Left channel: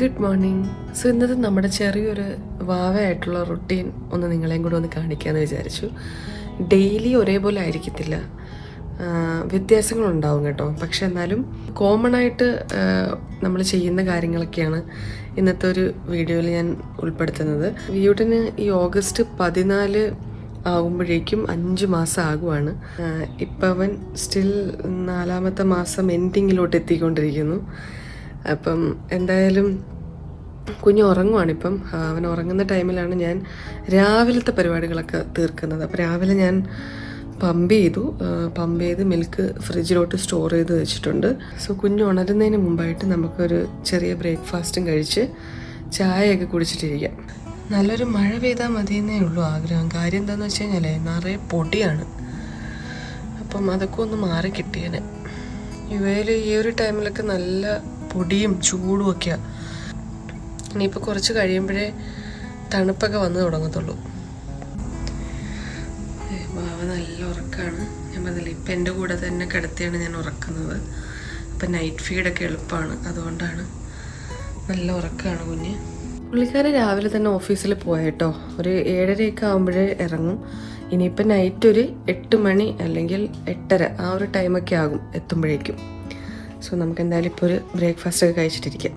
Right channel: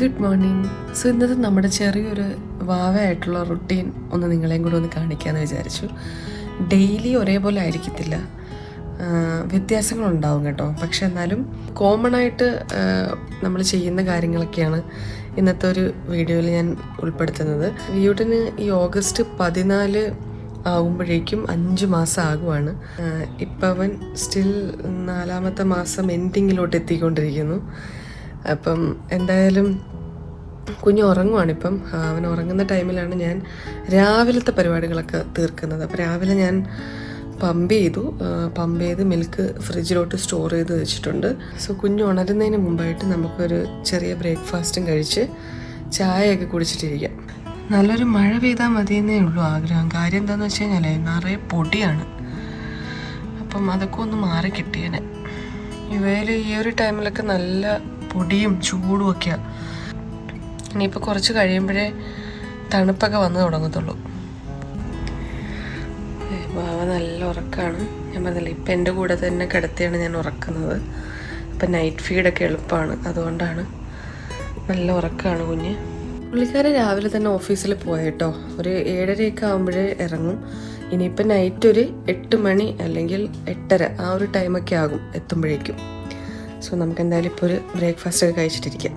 Good morning. So ഇന്നത്തെ നമ്മുടെ ചെറിയൊരു വാവയായിട്ടുള്ള റുട്ടീൻ ഒന്ന് നിങ്ങളെയും കൂടെ ഒന്ന് കാണിക്കാമെന്ന് വിചാരിച്ചു. ഡെയിലി ഒരേപോലെ ആയിരിക്കത്തില്ല, വ്യത്യാസങ്ങളുണ്ടാവും കേട്ടോ. പക്ഷെ എന്നാലും കോമൺ ആയിട്ട് നമ്മൾ ചെയ്യുന്ന കാര്യങ്ങളൊക്കെയാണ് ഇന്നത്തെ ഒരു വീഡിയോയിൽ ഞാൻ ഉൾപ്പെടുത്തുന്നത്. വീടിന് ഈ ഓഗസ്റ്റ് 14 ആകുമ്പോഴേക്കും 5 മാസം ആകുവാണ്. ഇപ്പം അവൻ സ്റ്റിൽ 4ാമത്തെ മാസം എൻഡിങ്ങിലോട്ട് എത്തിക്കൊണ്ടിരിക്കുന്നു. അപ്പം എന്തായാലും കുഞ്ഞ് ഉറങ്ങുവാണിപ്പം. അവൻ ഉറങ്ങുന്ന ടൈമിലാണ് ഞാൻ രാവിലത്തെ പരിപാടികളൊക്കെ തീർക്കുന്നത്. അപ്പോൾ രാവിലെ ഞാൻ പമ്പ് ചെയ്ത് മിൽക്ക് ഫ്രിഡ്ജിലോട്ട് സ്റ്റോർ ചെയ്ത് വെച്ചിട്ടുണ്ട്. സോ കുഞ്ഞ് ഉണരുന്നതിന് മുമ്പായിട്ട് നമുക്കൊരു ചെറിയ ബ്രേക്ക്ഫാസ്റ്റും കഴിച്ച് ചായയൊക്കെ കുടിച്ചിട്ടിരിക്കാം. നല്ലൊരു മഴ പെയ്താൽ മതിയെന്നേ ഉള്ളൂ ആഗ്രഹം. കാര്യം എന്താണെന്ന് വെച്ച് കഴിഞ്ഞാൽ നിറയെ പൊടിയാണ്. അപ്പം അതൊക്കെ ഒന്ന് മാറി കിട്ടിയേനെ. ഇവയിൽ ഈ ഒരു ടൈമിലൊക്കെ നല്ല പൊടിയും ചൂടും ഒക്കെയാണ്. ഇനിയിപ്പോൾ കുറച്ച് കഴിയുമ്പോഴേ തണുപ്പൊക്കെ വന്ന് തുടങ്ങത്തുള്ളൂ. ബാവ നല്ല ഉറക്കമാണ്. ഞാൻ പറഞ്ഞില്ല, ഇപ്പം എൻ്റെ കൂടെ തന്നെ കിടത്തിയാണ് ഞാൻ ഉറക്കുന്നത്. ഇപ്പം നൈറ്റ് ഫീഡൊക്കെ എളുപ്പമാണ്, അതുകൊണ്ടാണ്. നല്ല ഉറക്കമാണ് കുഞ്ഞ്. പുള്ളിക്കാരൻ രാവിലെ തന്നെ ഓഫീസിൽ പോയേട്ടോ. ഒരു 7:30 ആകുമ്പോഴേ ഇറങ്ങും. ഇനിയിപ്പോൾ നൈറ്റ് ഒരു 8 മണി അല്ലെങ്കിൽ 8:30 ആ ഒരു ടൈമൊക്കെ ആകും എത്തുമ്പോഴേക്കും. സോ നമുക്ക് എന്തായാലും ഇപ്പോൾ ഒരു ബ്രേക്ക്ഫാസ്റ്റ് ഒക്കെ കഴിച്ചിട്ടിരിക്കാം.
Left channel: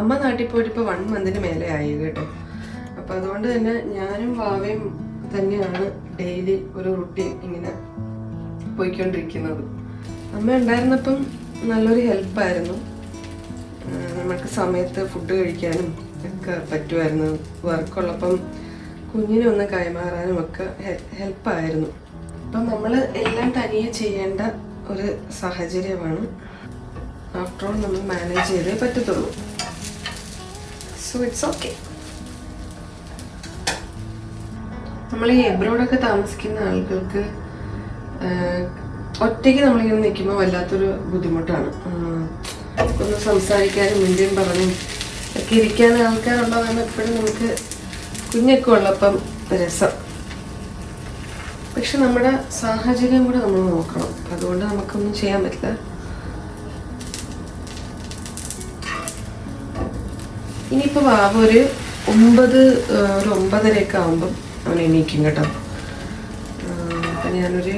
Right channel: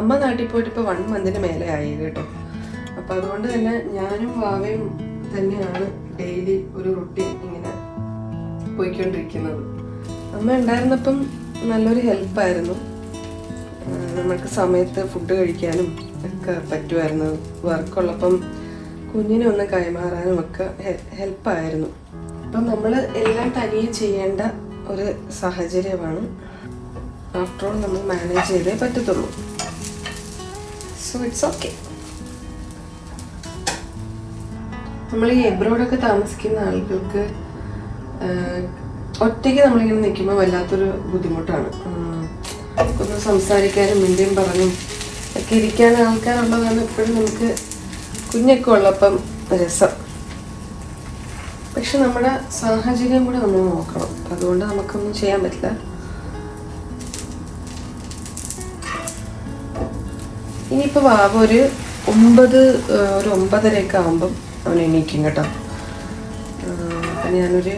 അമ്മ നാട്ടിൽ പോയിട്ട് ഇപ്പോൾ 1 മന്തിന് മേലെ ആയി കേട്ടോ. അപ്പം അതുകൊണ്ട് തന്നെ ഞാനും വാവയും തന്നെയാണ് ഡെയിലി ഒരു റുട്ടീൻ ഇങ്ങനെ പോയിക്കൊണ്ടിരിക്കുന്നത്. അമ്മ ഉണ്ടായിരുന്നപ്പം നല്ലൊരു ഹെൽപ്പായിരുന്നു. നമുക്ക് സമയത്ത് ഫുഡ് കഴിക്കാനും ഒക്കെ പറ്റുമായിരുന്നു. വർക്കുള്ളപ്പം കുഞ്ഞിനെ ഒന്ന് കൈമാറാനും ഒക്കെ ഹെൽപ്പായിരുന്നു. അപ്പം നമ്മൾ എല്ലാം തനിയെ ചെയ്യേണ്ട ഒരു സാഹചര്യമാണ്. ആഫ്റ്റർ ഓൾ നമ്മൾ മാനേജ് ചെയ്തേ പറ്റത്തുള്ളൂ. So it's okay. നമ്മൾ ഈ എബ്രോഡൊക്കെ താമസിക്കുന്ന ആളുകൾക്ക് ഒറ്റയ്ക്ക് നമ്മളിങ്ങനെ നിൽക്കുമ്പോൾ വല്ലാത്തൊരു ബുദ്ധിമുട്ടാണ്. ഒന്ന് സംസാരിക്കാനും മിണ്ടിയും പറഞ്ഞും ഒക്കെ ഇരിക്കാൻ ആൾക്കാരുള്ളതാണ് എപ്പോഴും നമുക്ക് കുഞ്ഞൊക്കെ ഉള്ളപ്പം രസം. പക്ഷെ നമ്മുടെ സാഹചര്യം കൂടെ നമ്മൾ നോക്കണം. അതുകൊണ്ട് നമുക്കൊന്നും ചെയ്യാൻ പറ്റില്ല. ഇനിയിപ്പോൾ വാവ ഒരു 9:30 ആകുമ്പം അവൻ എണീക്കും കേട്ടോ. അപ്പം ഞാനൊരു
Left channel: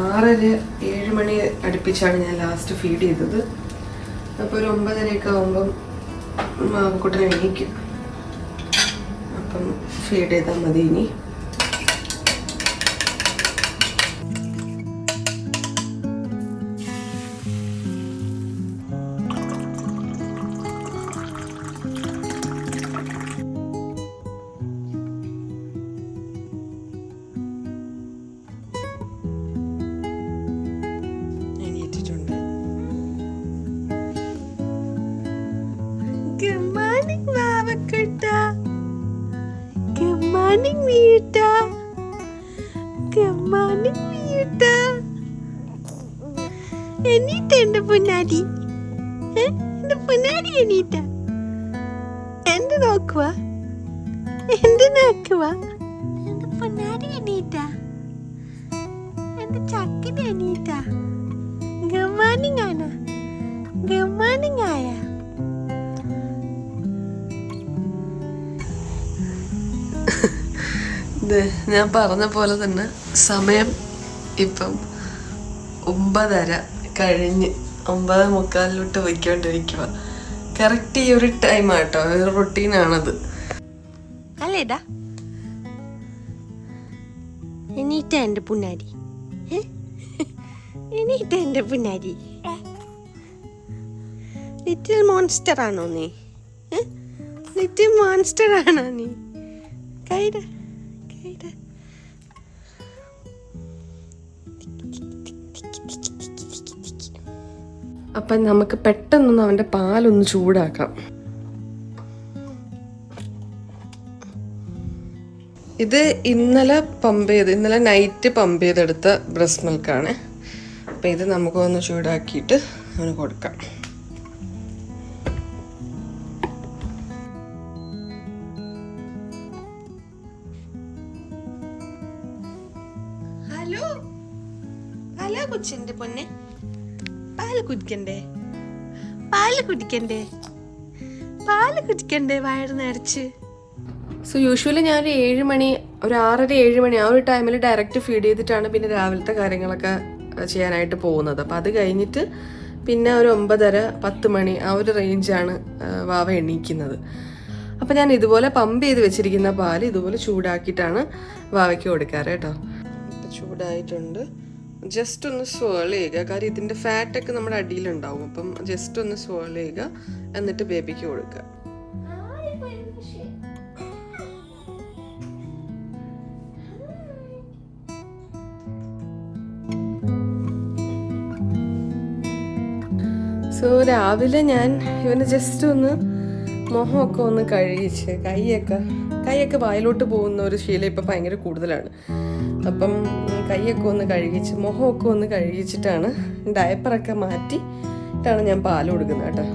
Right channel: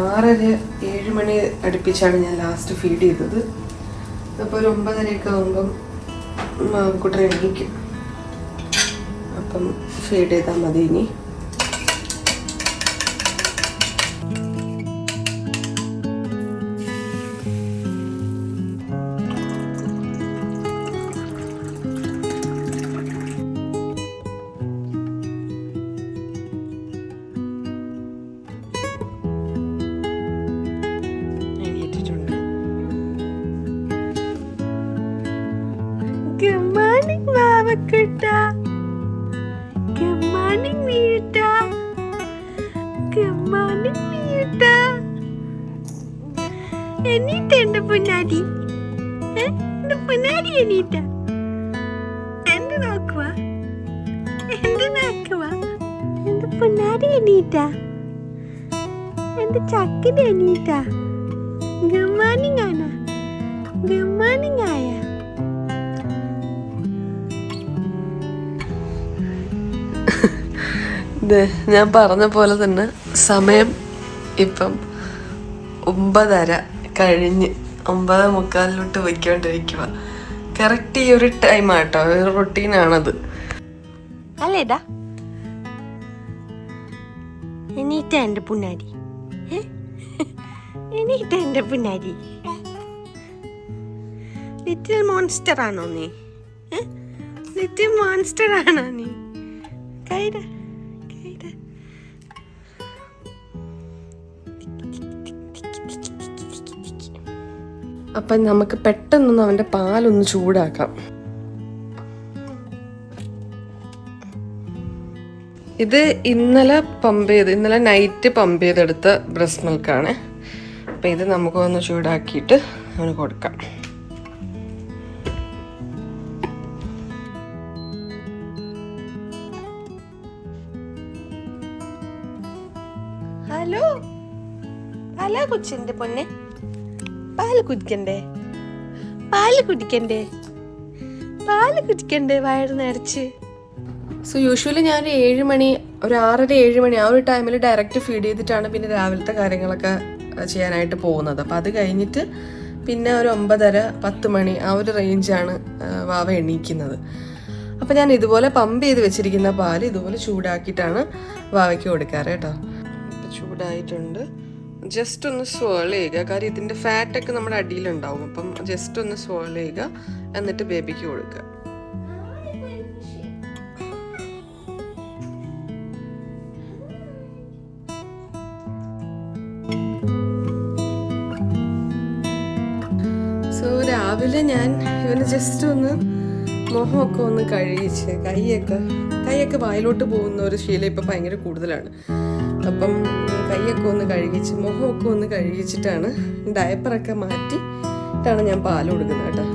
6:30-7 മണി അടുപ്പിച്ചാണ് ഞാൻ ലാസ്റ്റ് ഫീഡ് ചെയ്തത്. അപ്പോൾ ഒരു 9:30 ആകുമ്പം മാവക്കുട്ടൻ എണീക്കും. അപ്പം ഫീഡ് ചെയ്താൽ മതി. ഇനി Good morning, Mavakutta. Good morning, Miyuta. Good morning, Miyuta. Anita എൻ്റെ പൊന്നാടി. എൻ്റെ പൊന്നാടി അനീറ്റ. എന്ത് നോക്കുക? എൻ്റെ പൊന്നാടി അനീറ്റ. എൻ്റെ ചക്കിൻ്റെ Aneeta. Good morning, Anna. Good morning, Aya. ഞാൻ പറഞ്ഞ പോലെ തന്നെ സമയം ഇപ്പം 9:30 കഴിഞ്ഞ് 9:45 പോയിക്കൊണ്ടിരിക്കുക. കറക്റ്റ് ഈ ഒരു ടൈമാട്ടോ, ഒരു റുട്ടീനാണത് അല്ലേടാ. എണീറ്റ എൻ്റെ പുന്നാരി. എണീറ്റ എൻ്റെ പുന്നാരി. ലിറ്റിൽ മോൺസ്റ്റർ ആണോ നീ? ലിറ്റിൽ മോൺസ്റ്റർ ആണോ നീ? കൈഡ അപ്പം നമുക്ക് പെട്ടെന്നൊന്ന് അവൻ്റെ പാലൊന്ന് ചൂടാക്കാം. ഇത് ഇന്നലെ നൈറ്റ് പമ്പ് ചെയ്തെടുത്ത ബ്രസ്റ്റ് മിൽക്കാണ്. അപ്പം ഇത് നമുക്കൊന്ന് ചൂടാക്കിയിട്ട് അവന് കൊടുക്കാം. ഹലോ പാലാ കൊച്ചിന്റെ പൊന്നെ? പാല് കുടിക്കണ്ടേ? പാല് കുടിക്കണ്ടേ? പാല് കുടിക്കണ്ടേ വയറ് നിറച്ച്? സോ യൂഷ്വലി ഞാൻ 7 മണി, ഒരു 6:30-7 മണി ആ ഒരു ടൈമിൽ ഡയറക്റ്റ് ഫീഡ് ചെയ്തിട്ടാണ് പിന്നെ രാവിലത്തെ കാര്യങ്ങളൊക്കെ ചെയ്യാനായിട്ട് പോകുന്നത്. അപ്പം അത് കഴിഞ്ഞിട്ട് പിന്നെ ഒരു 9:30-10 മണി ആ ഒരു റേഞ്ചാണ് വാവ എണീക്കുന്നത്. അപ്പം ഞാൻ ഇതുപോലെ പമ്പ് ചെയ്ത് വെച്ചിരിക്കുന്ന പാല് ഇതുപോലെ ചൂടാക്കിയിട്ടാണ് വാവയ്ക്ക് കൊടുക്കാറ് കേട്ടോ. ഇപ്പം ചൂടായിട്ടുണ്ട്. ജസ്റ്റ് ഒന്ന് സ്വേൾ ചെയ്യുക, കാര്യം ഇതിൻ്റെ ഫാറ്റൊക്കെ നമ്മുടെ അടിയിലുണ്ടാവും. അപ്പം ജസ്റ്റ് ഒന്ന് സ്വേൾ ചെയ്യുക, എന്നിട്ട് ബേബിക്ക് കൊടുക്കുക. സോ രാവിലെ ഞാൻ ഇവന് ജസ്റ്റ് ഒന്ന് മുഖമൊക്കെ ഒന്ന് കഴുകിച്ച്, കൈയൊക്കെ വായിലോട്ട് പോകുന്ന ഒരു ശീലം ഇപ്പം ഭയങ്കര കൂടുതലാണ്. അപ്പം കൈയൊക്കെ ഒന്ന് കഴുകിച്ച് മുഖമൊക്കെ ഒന്ന് കഴുകിച്ചിട്ടാണ് ഡയപ്പറൊക്കെ മാറ്റിയിട്ടാണ് ഞാൻ പാല് കൊടുക്കുന്നത് കേട്ടോ.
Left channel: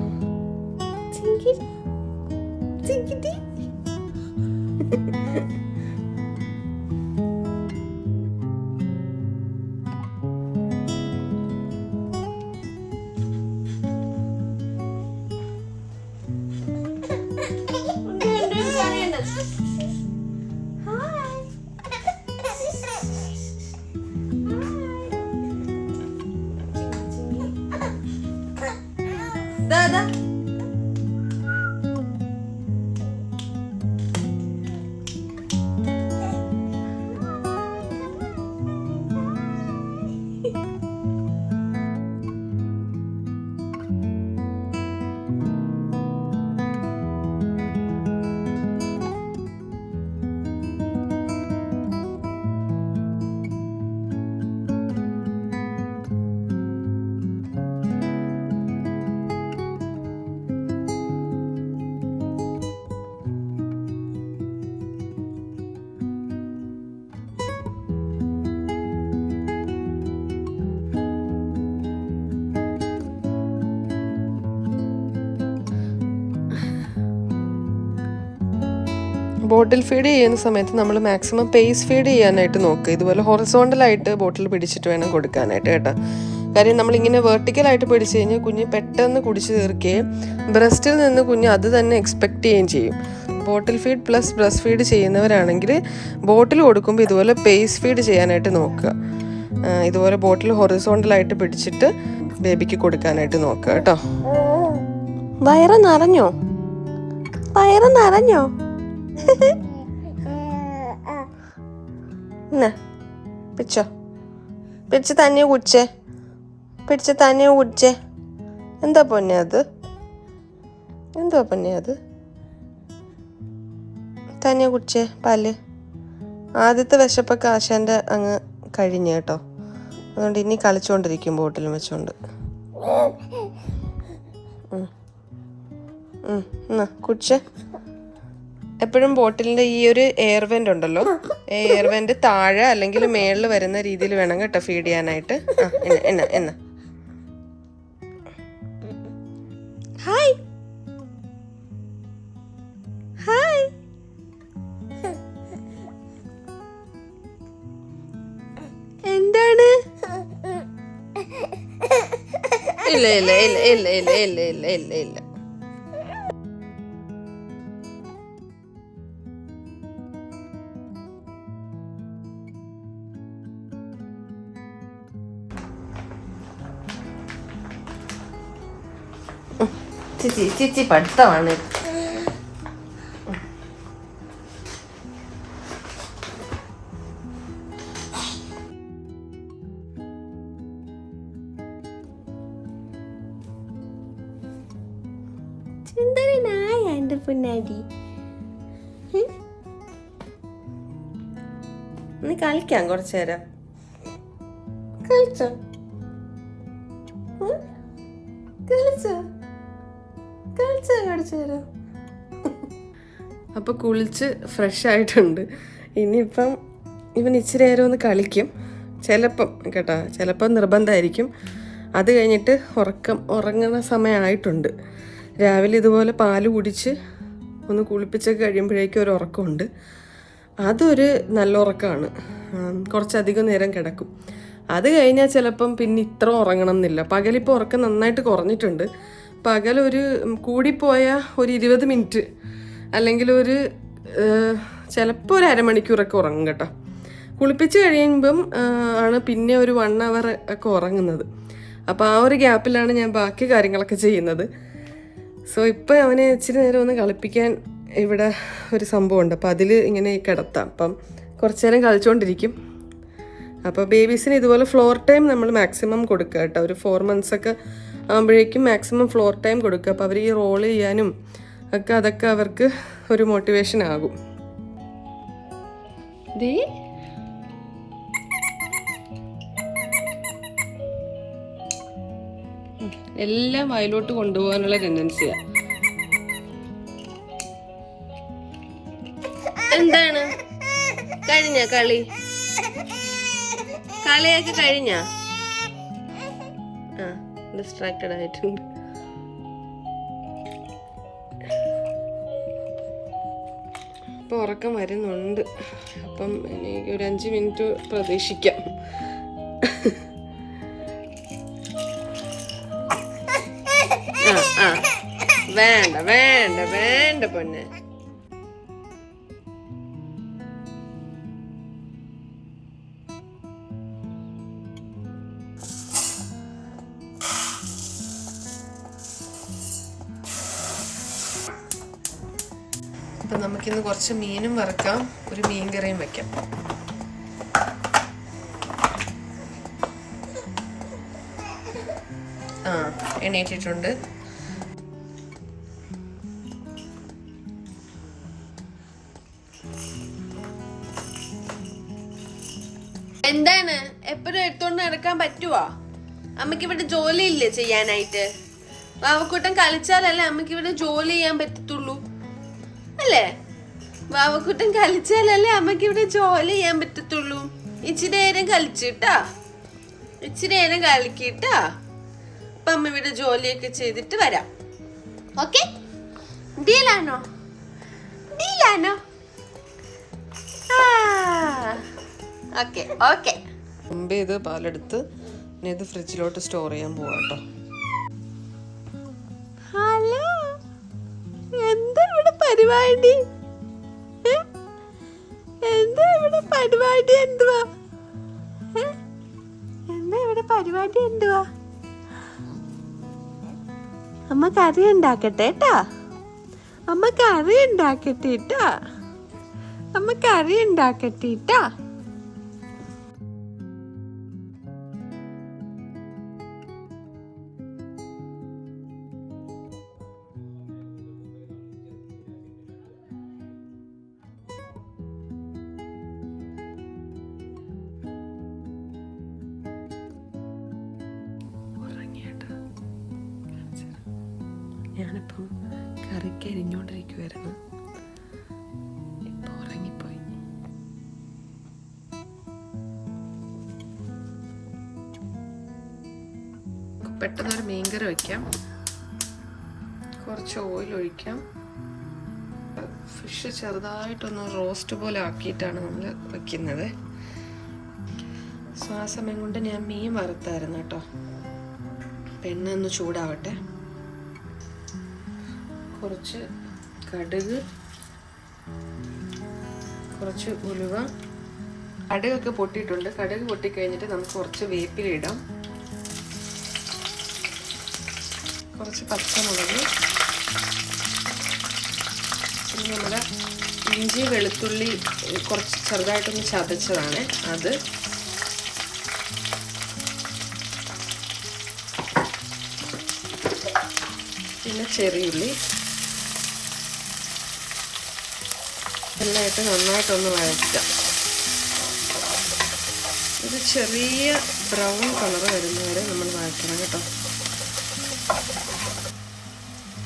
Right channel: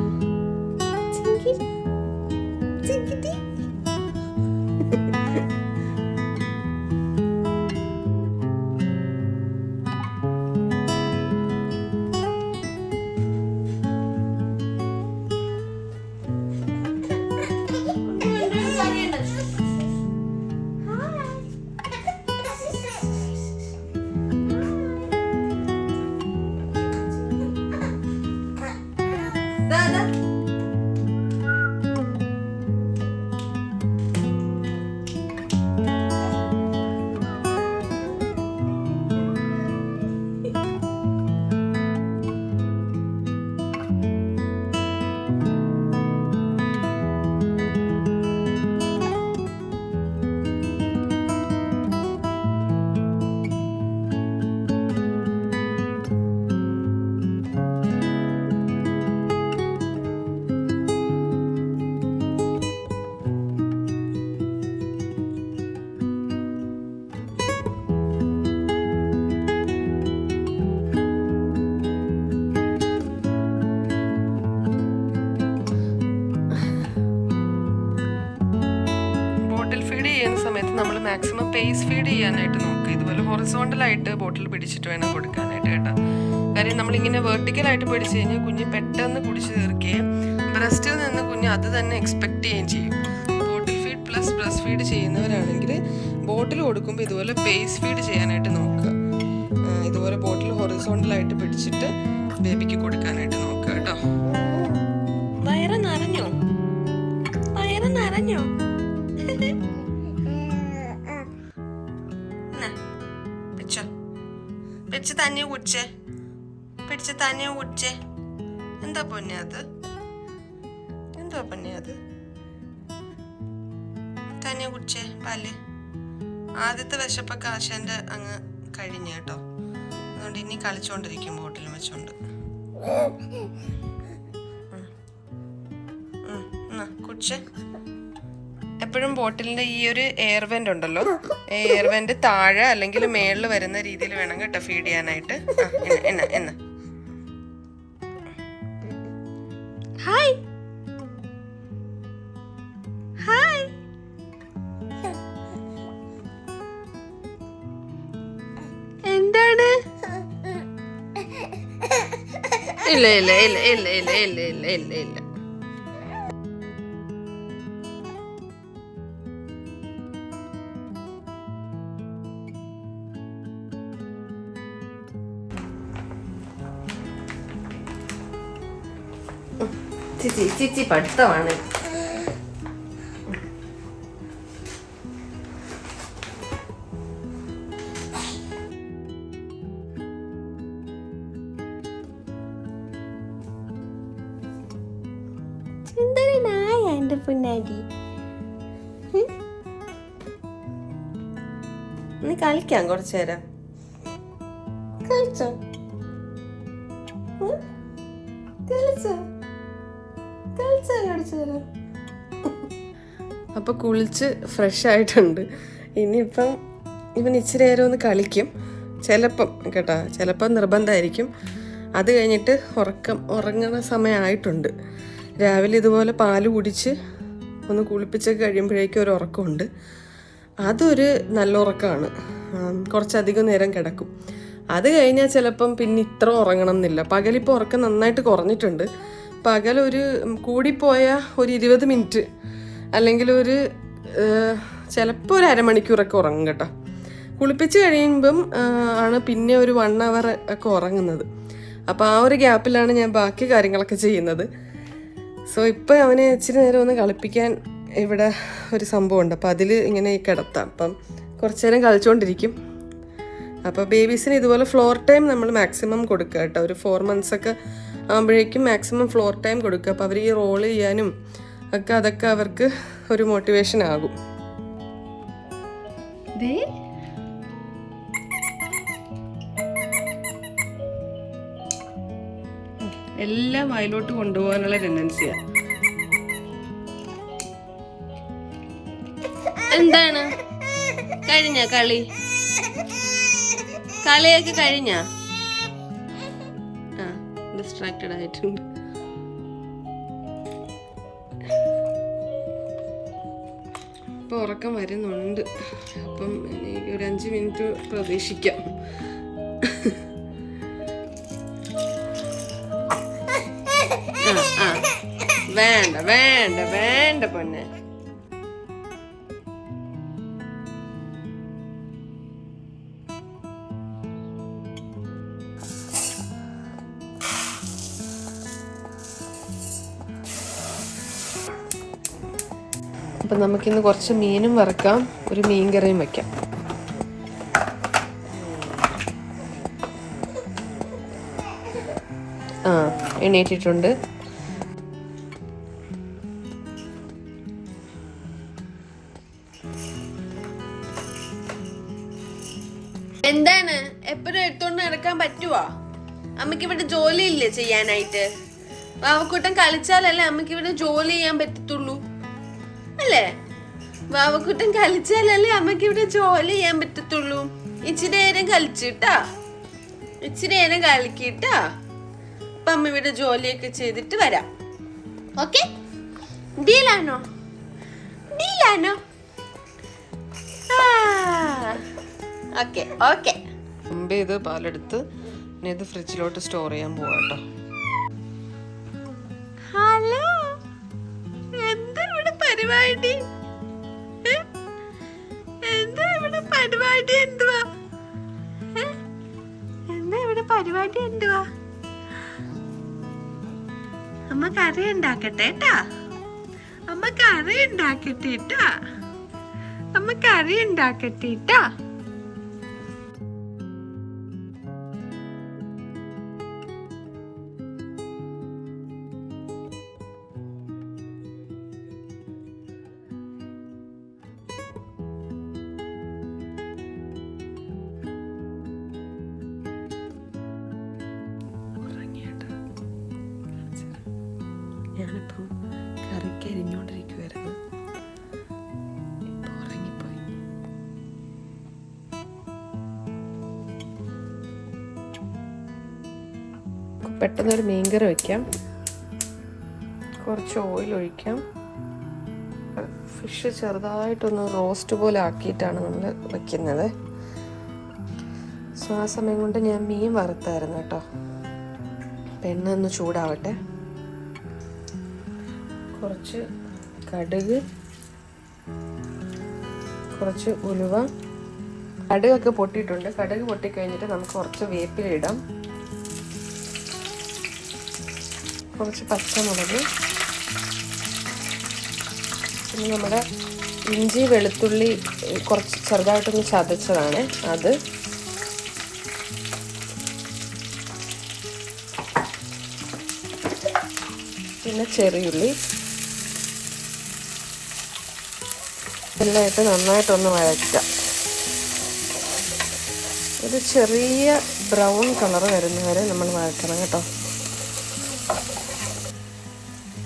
ബോട്ടിൽ ഫീഡ് ചെയ്യുന്ന സമയത്ത് നമ്മൾ മാക്സിമം പേസ് ഫീഡ് ചെയ്യാനായിട്ട് നോക്കുക. ഇതുപോലെ ഹൊറിസോണ്ടലായിട്ട് ബോട്ടിൽ പിടിച്ചിട്ട് വേണം കൊടുക്കാനായിട്ട് കേട്ടോ. കാര്യം നമ്മളിങ്ങനെ വെർട്ടിക്കലായിട്ട് പിടിച്ചു കഴിഞ്ഞാൽ കുഞ്ഞ് പെട്ടെന്ന് കുടിച്ചു തീർക്കുകയും ബ്രസ്റ്റിൽ നിന്ന് കുഞ്ഞ് അത് തന്നെ എക്സ്പെക്റ്റ് ചെയ്യുകയും ചെയ്യും. Bottle feed plus breast feed ചെയ്യുന്നവരാണെങ്കിൽ ബോട്ടിൽ കൊടുക്കുമ്പോൾ ഇതുപോലെ പേസ് ഫീഡ് ചെയ്യാനായിട്ട് നോക്കുക. ഇതുപോലെ ബോട്ടിൽ ഹൊറിസോണ്ടലായിട്ട് പിടിച്ചിട്ട് ബേബിക്ക് കൊടുക്കാനായിട്ട് നോക്കുക കേട്ടോ. വയറ് നിറഞ്ഞോ? വയറ് നിറഞ്ഞോ? പിടിച്ച് തന്നെ കുടിച്ചേ, പിടിച്ച് തന്നെ കുടിച്ചേ. എന്താ പൊന്നെ അത്? എന്താ പൊന്നെ അത്? തന്നെ കുടിച്ചേ പാല്. ആദ്യത്തെ വിശപ്പൊക്കെ ആശാന്റെ അങ്ങ് കഴിഞ്ഞു കേട്ടോ. അതുകൊണ്ട് ഇനി കളിച്ചോണ്ടിരിക്കും ബോട്ടിലും വെച്ചോണ്ട്. കുടിച്ചേ. എപ്പോഴും ബോട്ടിലിൻ്റെ ഈ ഒരു എയർ വെൻ്റ് ഉണ്ടല്ലോ, എയർ വെൻ്റ് താഴെ അല്ലെങ്കിൽ മേളിൽ വരുന്ന രീതിയിൽ വേണം കേട്ടോ ഫീഡ് ചെയ്യാനായിട്ട്. എന്ന ഹായ് ഹായ്. എന്താണ്? ഇല്ല ഇല്ല ഇല്ല ഇല്ല ഇല്ല ഇല്ല ഇല്ല ഇല്ല ഇല്ല. ചിച്ചി പഠിത്തമാണ്. സുന്ദരനായ എന്റെ പൊന്നാടി. നീ കളിക്കാം കുറച്ചു നേരം. കളിച്ചോ? കളിച്ചോ? അപ്പൊ കുളിച്ച് ഫ്രഷ് ആയിട്ടുണ്ട്. ഇനിയിപ്പം ഇവൻ ഇച്ചിരി നേരം ഒന്ന് കളിക്കും ചിലപ്പം കേട്ടോ. ചിലപ്പം നിർബന്ധമായിരിക്കും. അത് കഴിഞ്ഞിട്ട് ഉറങ്ങുന്ന സമയമായിട്ടുണ്ട്. രാവിലെ ഇതുപോലെ പാല് കുടിച്ച് ഒന്ന് കുളിപ്പിച്ചൊക്കെ കഴിയുമ്പോഴേക്കും ഒരു ഉറക്കമുണ്ട്. അതൊരു നല്ല ഉറക്കമാണ്. കുറച്ചധികം നേരം കിടക്കും. അത് കഴിഞ്ഞാൽ ചിലപ്പം പിന്നെ ഇത്ര ഉറങ്ങണം എന്നില്ല. പകലിപ്പോൾ ഉറക്കം നന്നായിട്ട് കുറഞ്ഞിട്ടുണ്ട്. പകലൊരു കൂടിപ്പോയ ഒരു 20 മിനിറ്റ് അല്ലെങ്കിൽ ഒരു ചിലപ്പോൾ ഒരു അരമണിക്കൂറൊക്കെ ഉറങ്ങും കേട്ടോ. കുളിപ്പിച്ച് കഴിയുമ്പം ആണ് പിന്നെ ഒരു 1 അവർ ഒക്കെ ഉറങ്ങുന്നത്. അപ്പോൾ ആ ഒരു ഗ്യാപ്പിലാണ് ഞാൻ ബാക്കി കാര്യങ്ങളൊക്കെ ചെയ്യുന്നത്. സോ ഇപ്പോൾ അവനെ ഇച്ചിരി നേരം ഒന്ന് കളിപ്പിക്കാൻ ഇവിടെ ഒരു സംഭവമുണ്ട്. അപ്പോൾ അതിൽ ഇങ്ങനെ കിടത്താം. അപ്പം കുറച്ച് നേരം കളിച്ചുകൊണ്ടിരിക്കും. അപ്പോൾ ബേബീസിന് ഇതുപോലെ ഫ്ലോർ ടൈം നമ്മൾ മാക്സിമം കൊടുക്കുക കേട്ടോ. ഒരു 4 months ഒക്കെ ആകുമ്പോഴേക്കും മാക്സിമം ഫ്ലോർ ടൈം കൊടുക്കുക. അപ്പോൾ അവർ ഈ റോൾ ചെയ്യാനും ഒക്കെ അതൊക്കെ അവർക്ക് ഒരു മോട്ടിവേഷൻ ആകും. എല്ലാം വയലോട്ട് കൊണ്ടുപോകാനുള്ള ടെൻഡൻസിയാ. എന്താണ് കഴിഞ്ഞ കളിയൊക്കെ കഴിഞ്ഞ? ഡിസ്ട്രാക്റ്റഡ് ആയിട്ടുണ്ട്. ഇപ്പൊ ഉറക്കം വരുന്നുണ്ട്. അപ്പം എനിക്ക് ഒരു 5 മിനിറ്റ് പ്രതീക്ഷിക്കാം. വേണ്ട വേണ്ട വേണ്ട പൊന്നെ. അപ്പം നമുക്കിന്ന് കുറച്ച് മീനും വറക്കാം, ഒരു മീൻ കറിയും വയ്ക്കാം. എണീറ്റിട്ടുണ്ട്. എന്താണ് എപ്പോഴും എടുത്തോണ്ട് നടക്കാൻ പറ്റുവാ? അമ്മക്ക് ഇവിടെ ജോലി ഇല്ലേ ചെയ്യാനായിട്ട്? വാവക്കൂട്ടം കളിച്ചാലല്ലേ അമ്മക്ക് ഇവിടെ ജോലി ചെയ്യാൻ പറ്റത്തുള്ളൂ അല്ലേ? വാവക്കൂട്ടം കളിച്ചാലല്ലേ അമ്മക്ക് ഇവിടെ ജോലി ചെയ്യാൻ പറ്റത്തുള്ളൂ. ഇച്ചിരി നേരം കളിച്ചിട്ടാ, ഇച്ചിരി നേരം കളിക്കിട്ടാ. അപ്പൊ അമ്മ ഇവിടെ ജോലിയൊക്കെ ചെയ്തിട്ട് വരാം. ഓക്കെ? ഡീലാണോ? ഡീലാണോ? Okay okay. മുമ്പ് ഇത് പാലെടുത്ത് ഇനി ഇത് ഫ്രിഡ്ജിലോട്ട് സ്റ്റോർ ചെയ്യാൻ പോവാ കേട്ടോ. ഹലോ, എന്താ ഇവിടെ പരിപാടി? എന്താ ഇവിടെ പരിപാടി? എന്തുവാ എന്താ ഇവിടെ പരിപാടി? എന്തുവാ? അമ്മ കറി ഉണ്ടാക്കട്ടെ ട്ടാ. അമ്മ കറി ഉണ്ടാക്കട്ടെ ട്ടാ. അമ്മ കറി ഉണ്ടാക്കട്ടെ ട്ടാ. ഞാനിപ്പം കറിക്ക് അരിഞ്ഞോണ്ടിരിക്കുവായിരുന്നു. ഇപ്പം ഉറങ്ങിപ്പോയി. പെട്ടെന്നൊരു മീൻകറി വയ്ക്കാം. കുറച്ച് ഓയിൽ ഒഴിക്കാം. ഫിഷ് ചെറുതായിട്ടൊന്ന് റോസ്റ്റ് പോലെ ആക്കിയിട്ടാണ് നമ്മൾ വയ്ക്കുന്നത്. സോ ആ സമയം കൊണ്ട് ഞാൻ മീൻ വറുത്തായിരുന്നു കേട്ടോ. എണ്ണ ഒന്ന് ചൂടാവട്ടെ. കുറച്ച് കടുക്, കുറച്ച് ഉലുവ. കടുകൊക്കെ പൊട്ടിയിട്ടുണ്ട്. കടുക് പൊട്ടിക്കഴിഞ്ഞിട്ട് നമുക്ക് കുറച്ച് വേപ്പില ഇടാം. കുറച്ച് പച്ചമുളക്, പിന്നെ നമ്മുടെ ഇഞ്ചി വെളുത്തുള്ളി കുറച്ച് ചെറുതായിട്ടൊന്ന് ചതച്ചതാണ് അത്. പിന്നെ ചെറിയുള്ളി എല്ലായിട്ട് നന്നായിട്ടൊന്ന് വഴറ്റാം. ഒരു ചെറിയ ബ്രൗൺ കളർ വരുന്നവരെ നമ്മൾ വഴറ്റണം കേട്ടോ.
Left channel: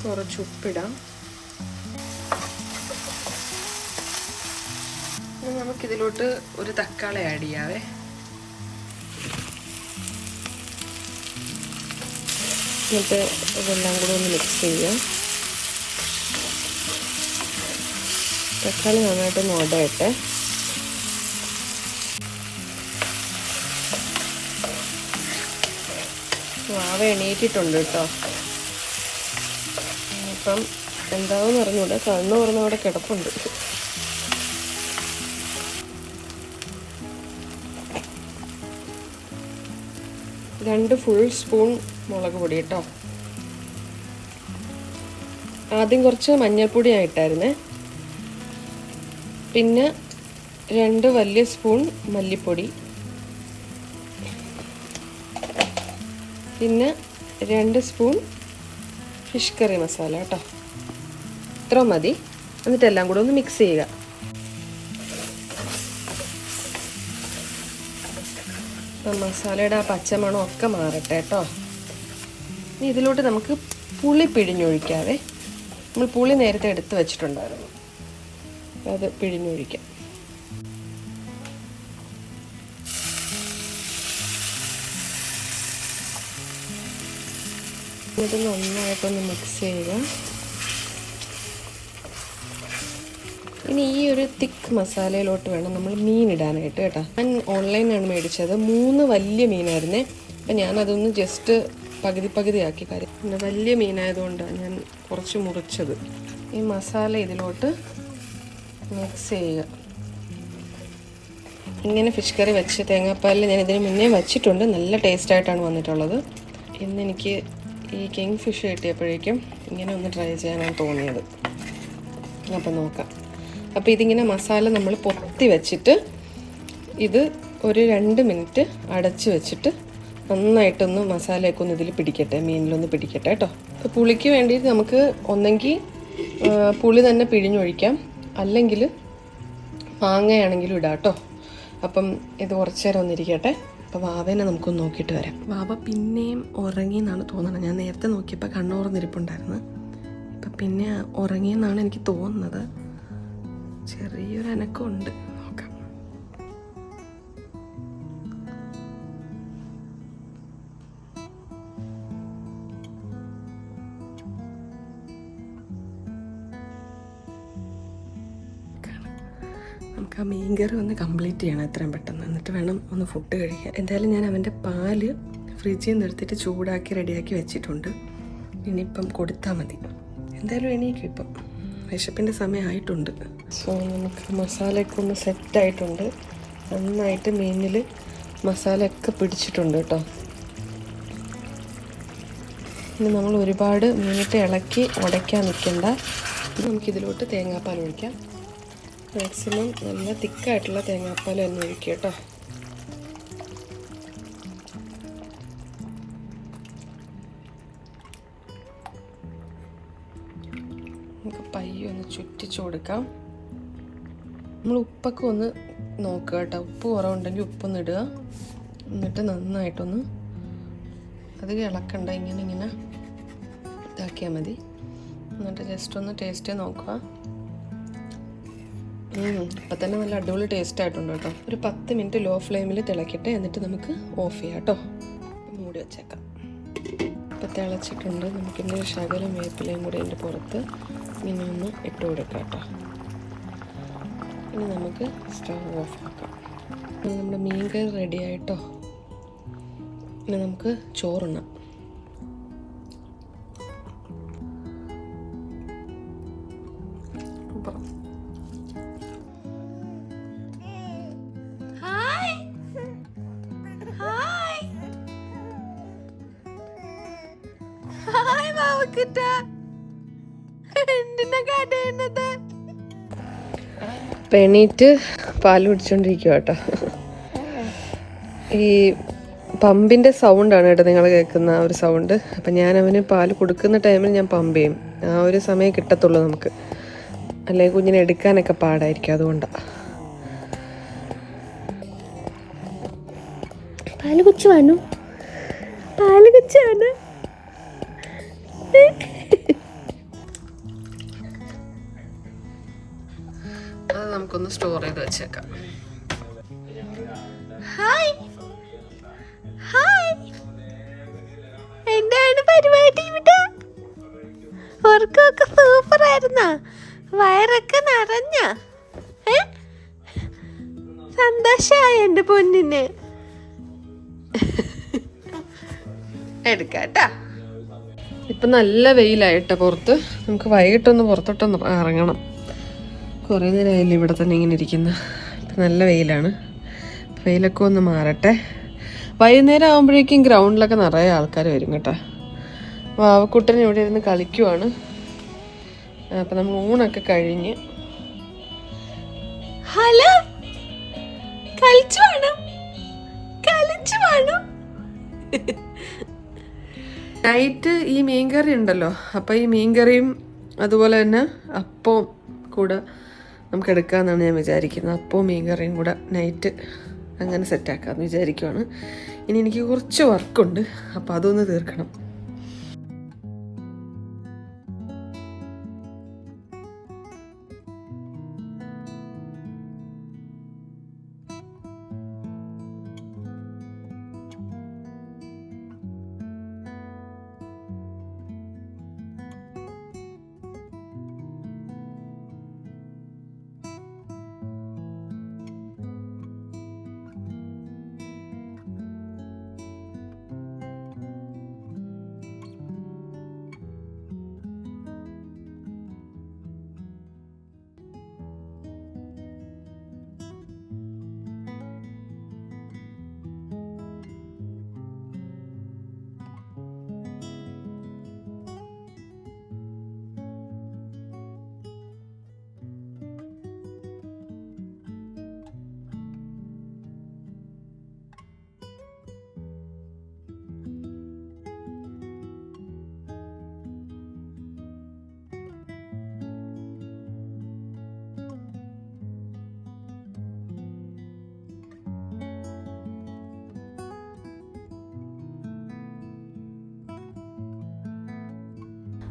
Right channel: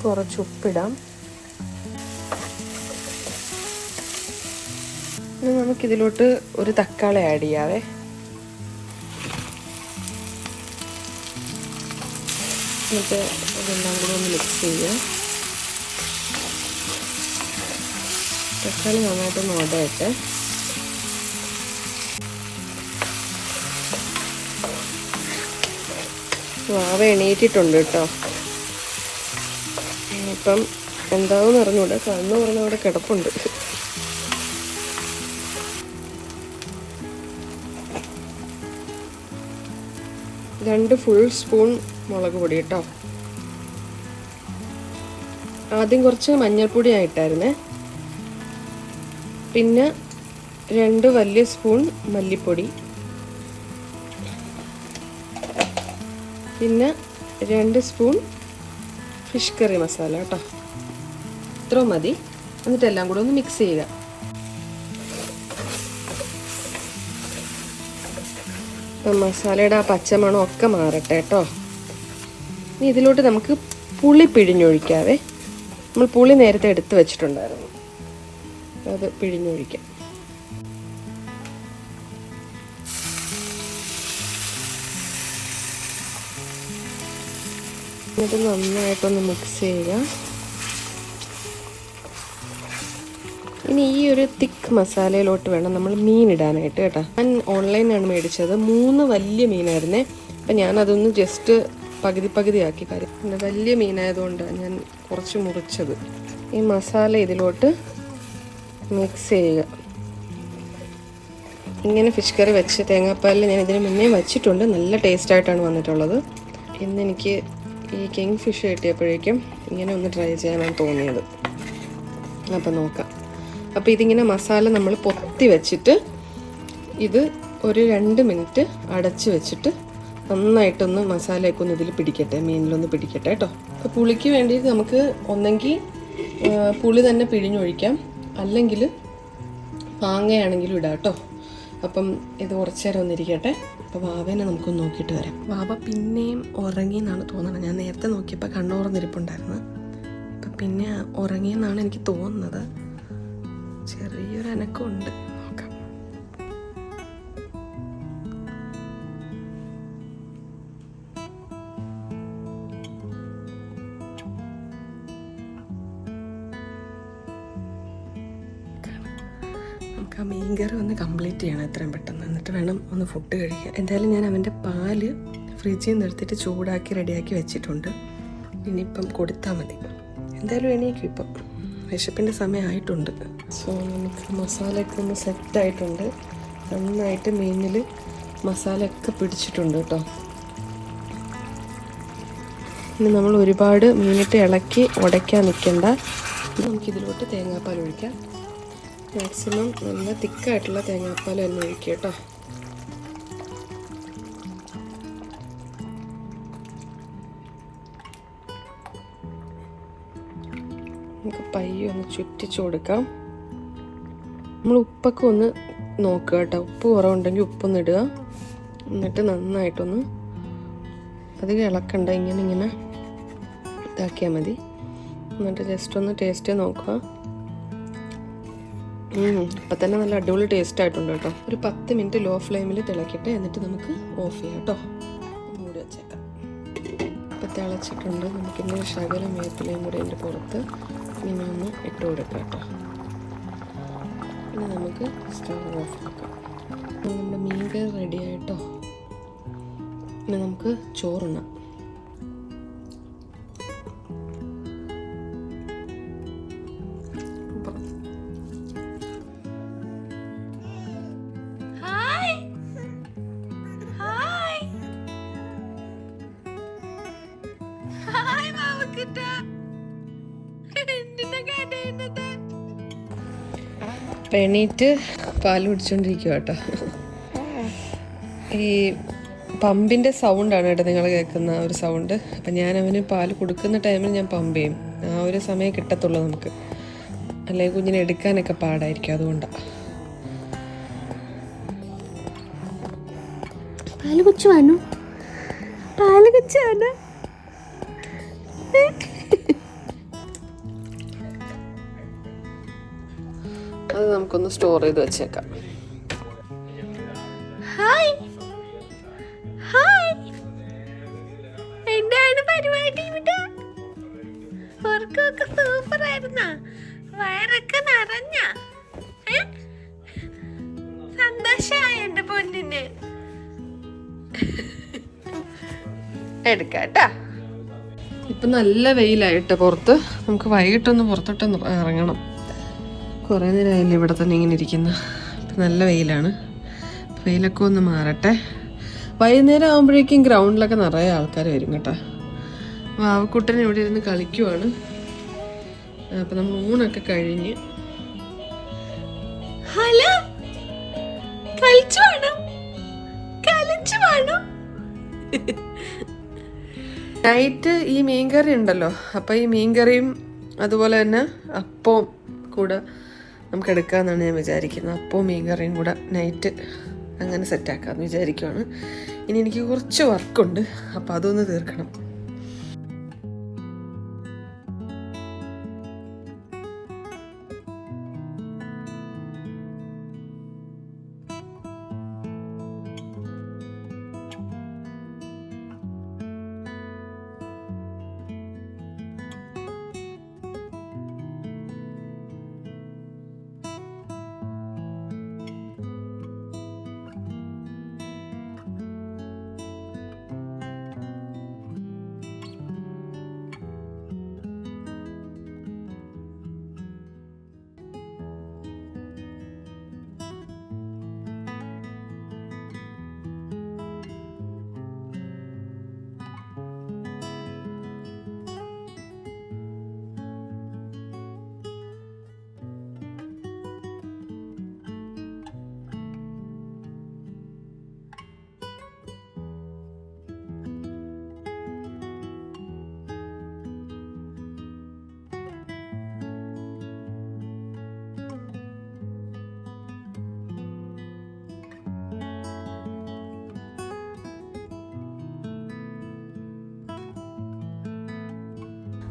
കുറച്ച് ഉപ്പിടാം. ഇനി നമുക്കിതിലോട്ട് ഒരു തക്കാളി ആഡ് ചെയ്യാവേ. എന്നിട്ട് ഇതെല്ലാം കൂടെ ഒന്ന് മിക്സ് ചെയ്യാം. തക്കാളി നന്നായിട്ടൊന്ന് ഉടയട്ടെ. വാവ എണീറ്റിട്ടുണ്ട് കേട്ടോ. അപ്പം എന്താണെന്ന് അറിഞ്ഞൂടെ, കണ്ണ് പറഞ്ഞ അവിടെ കിടപ്പുണ്ട്. രണ്ട് ഫുൾ സ്പൂൺ മുളക് പൊടി കേട്ടോ. ആദ്യം കുറച്ച് മഞ്ഞൾപ്പൊടി ആയിട്ടായിരുന്നേ. പിന്നെ 2 വലിയ സ്പൂൺ മല്ലിപ്പൊടി, പിന്നെ 2 സ്പൂൺ ഫിഷ് കറി മസാല കേട്ടോ. ഇത്ര മതി. എന്നിട്ട് എല്ലാം കൂടെ ഒന്ന് മിക്സ് ചെയ്യുക. മസാലയുടെ ആ പച്ചമണം ഒക്കെ മാറട്ടെ കേട്ടോ. ഇനി ഇതിലോട്ട് നമുക്ക് പുളി പിഴിഞ്ഞൊഴിക്കാവേ. നമ്മൾ പുളി നേരത്തെ എടുത്ത് വെച്ചിട്ടുണ്ടായിരുന്നു, അത് പിഴിഞ്ഞൊഴിക്കാം. ഇത് നന്നായിട്ടൊന്ന് മിക്സ് ചെയ്യുക. ഇനി ഈ ഒരു തിക്ക് മസാലയിലോട്ട് വേണം നമ്മൾ മീൻ ഇടാനായിട്ട് കേട്ടോ. ഞാൻ ഓൺലൈനാണ് മേടിച്ചത്. 3 വലിയ മീനായിരുന്നേ. അപ്പം ഞാനതൊന്ന് ജസ്റ്റ് പകുതിയാക്കി. കാര്യം പിന്നെ വലിയ മീനായതുകൊണ്ടാണ് ഞാൻ കുറച്ച് മുറിച്ചത്. ഈ മസാല ഇതിലോട്ട് മിക്സ് ചെയ്യുക. ഇങ്ങനെ ഫിഷ് കറി വെച്ച് തേങ്ങാപ്പാലിൽ ഞാൻ ഇതിന് മുന്നേ വച്ചിട്ടുണ്ട്. നല്ല ടേസ്റ്റായിട്ടാണ് വന്നിട്ടുള്ളത്. ഇന്നെനിക്ക് ഈ കിങ് ഫിഷ് കിട്ടിയപ്പോഴേക്കും ഇങ്ങനെ ഒന്ന് ട്രൈ ചെയ്യാനാണ് തോന്നിയത്. അപ്പം നോക്കാം. അപ്പോൾ ഇതിങ്ങനെ മസാല നമ്മൾ പൊത്തി വെച്ചിട്ട് ഇത് ഒരു 2 മിനിറ്റ് അടച്ച് വെച്ചിട്ട് നന്നായിട്ടൊന്ന് മസാലയൊക്കെ ഒന്ന് ഇതിൽ പിടിക്കട്ടെ, മീനിലൊന്ന് പിടിക്കട്ടെ കേട്ടോ. അപ്പോൾ പുളിക്ക് വേണ്ടിയിട്ട് നമുക്ക് ഒന്നെങ്കിൽ പുളി തന്നെ പിഴിഞ്ഞൊഴിക്കാം, അല്ലെങ്കിൽ മാങ്ങയാണെങ്കിലും ഇടാം കേട്ടോ. അപ്പം ഇത് കുറച്ച് നേരം ഒന്നിരിക്കട്ടെ. അപ്പോൾ വാവേനെ നമുക്കൊന്ന് നോക്കിയിട്ട് വരാം. വാവ പിന്നെയും ഉറങ്ങിയെന്നാണ് തോന്നുന്നത്. ഞാൻ നേരത്തെ നോക്കിയപ്പോൾ കണ്ണുറന്നിരിപ്പുണ്ടായിരുന്നു. അപ്പം പിന്നെ ഉറങ്ങിയെന്നാണ് എനിക്ക് തോന്നുന്നത്. ചെറിയൊരു അനക്കമുണ്ട്. നോക്കാം. നമുക്ക് ആ മീൻകറി ഒന്ന് കംപ്ലീറ്റ് ചെയ്യണം എത്രയും പെട്ടെന്ന്. എന്നിട്ട് വേണം ഒന്ന് ഫുഡ് കഴിക്കാൻ. എന്തായാലും ഞാൻ അവൻ്റെ പാല് ഫ്രിഡ്ജിൽ നിന്ന് എടുത്തിട്ട് ചൂടാക്കി റെഡിയാക്കി വെച്ചിട്ടുണ്ട്. ഇനിയിപ്പം കൊടുത്താൽ മതി. എന്തായാലും എണീക്കും. ഇപ്പം വിശപ്പിൻ്റെ സമയമായിട്ടുണ്ട്. സോ നമുക്ക് മസാലയൊക്കെ ഒന്ന് സെറ്റായിട്ടുണ്ട്. നന്നായിട്ട് മീനിൽ മസാലയൊക്കെ പിടിച്ചിട്ടുണ്ട് കേട്ടോ. ഇനി നമ്മൾ ഒരുപാട് മീനിട്ട് ഇളക്കി ഉടയ്ക്കാൻ നിൽക്കണ്ട. നമുക്കിതിലോട്ട് തേങ്ങാപ്പാൽ ഒഴിക്കാം. മാക്സിമം നല്ല തിക്കായിട്ടുള്ള തേങ്ങാപ്പാൽ തന്നെ ഒഴിക്കുക കേട്ടോ. നമുക്ക് പയ്യെ ഒന്ന് ചുറ്റിച്ചു കൊടുക്കാം. നമ്മൾ ഉപ്പൊക്കെ ഒന്ന് നോക്കുക കേട്ടോ. ഉപ്പ് കുറവുണ്ടെങ്കിൽ ഉപ്പൊന്ന് ഇടുക. എന്നിട്ട് നന്നായിട്ടൊന്ന് അധികം ഇളക്കണ്ട, ഇങ്ങനെ ഇതാക്കിയാൽ മതി. എന്നിട്ട് ജസ്റ്റ് ഒന്ന് ടേസ്റ്റ് നോക്കുക. ഇപ്പം തന്നെ നല്ല അടിപൊളി ടേസ്റ്റ് ആയിട്ടുണ്ട് കേട്ടോ. ഒരു 10 മിനിറ്റ് ലോ ഫ്ലെയിമിൽ തിളക്കട്ടെ. എന്നിട്ട് നമുക്ക് ഓഫ് ചെയ്യാം കേട്ടോ. മൂടി വെച്ചേക്കാം. ഇപ്പം തിളച്ചിട്ടുണ്ട്. നമുക്കിന്ന് ശകലം വേപ്പിലയും കൂടി അതിൻ്റെ പുറത്ത് ഇങ്ങനെ ഒന്ന് ഇട്ട് കൊടുക്കാം കേട്ടോ. ഇനി നമുക്ക് സ്റ്റവ് ഓഫ് ആക്കാം. നമ്മുടെ മീൻ കറി റെഡി ആയിട്ടോ. ഇനി നമുക്ക് ചോറുണ്ണാം. എണീറ്റ് പാല് കുടിച്ചോണ്ടിരിക്കുക കേട്ടോ. ഈ പമ്പിൻ്റെ സൗണ്ടാണ് കേട്ടോ നിങ്ങൾ കേൾക്കുന്ന ഒരു സൗണ്ട്. അപ്പം ഞാൻ അവന് പാല് കൊടുക്കുന്ന ടൈമിൽ ഞാൻ പമ്പ് ചെയ്യും. ആ ഒരു സമയം കിട്ടത്തുള്ളൂ നമുക്ക്. അല്ലെങ്കിൽ കുഞ്ഞിനെ എടുക്കാനൊക്കെ പാടായിരിക്കും. അതുകൊണ്ടാണ്. പാല് കുച്ചു വന്നു. പാല് കുച്ചു വന്നു. അത് നമുക്കൊന്ന് സ്റ്റോർ ചെയ്ത് വെച്ചേക്കാം. ഹായ് ഹായ്, എന്താണ് പരിപാടി ഇവിടെ? ഉറക്കമൊക്കെ സൂപ്പർ ആയിരുന്നോ? വയറൊക്കെ നിറഞ്ഞ? സന്തോഷായ എന്റെ പൊന്നിനെ? എടുക്കാം കേട്ടാ. ഇപ്പം നല്ല വെയിലായിട്ടോ പുറത്ത്. നമുക്ക് വൈകിട്ടൊന്ന് പുറത്തോട്ടൊന്ന് ഇറങ്ങണം. കുറേ നേരമായില്ല ഇവിടെ തന്നെ ഇങ്ങനെ ഇരിക്കുന്ന. ഇപ്പം നല്ല വെയിലാണ്. വെയിലൊക്കെ ഒന്ന് മാറട്ടെ. വൈകുന്നേരം ആകുമ്പോഴേക്കും ഗ്രൗണ്ടിലൊക്കെ നിറയെ ആൾക്കാർ വരും കേട്ടോ. വാവക്കുട്ടൻ ഇവിടെ ഇരുന്ന് കളിക്കുവാണ്. അപ്പം നമ്മൾ ഊണൊക്കെ കഴിഞ്ഞ് ഹലോ കളിച്ചു വേണം. നൈറ്റ് ഈ മീൻകറി ഉണ്ടല്ലോ, അപ്പം ഈ മീൻകറിയും അതുപോലെ തന്നെ അപ്പവും കൂടെ നമുക്ക് എടുക്കാമെന്നാണ് ഞാൻ വിചാരിക്കുന്നത്. അപ്പവും മീൻകറിയും കൂടെ നൈറ്റ് അങ്ങനെ സെറ്റാക്കാമെന്ന് വിചാരിക്കുവാണ്. ഇനി എനിക്ക് കുറച്ച് വർക്കുണ്ട്, അപ്പം അതൊന്ന് തീർക്കണം.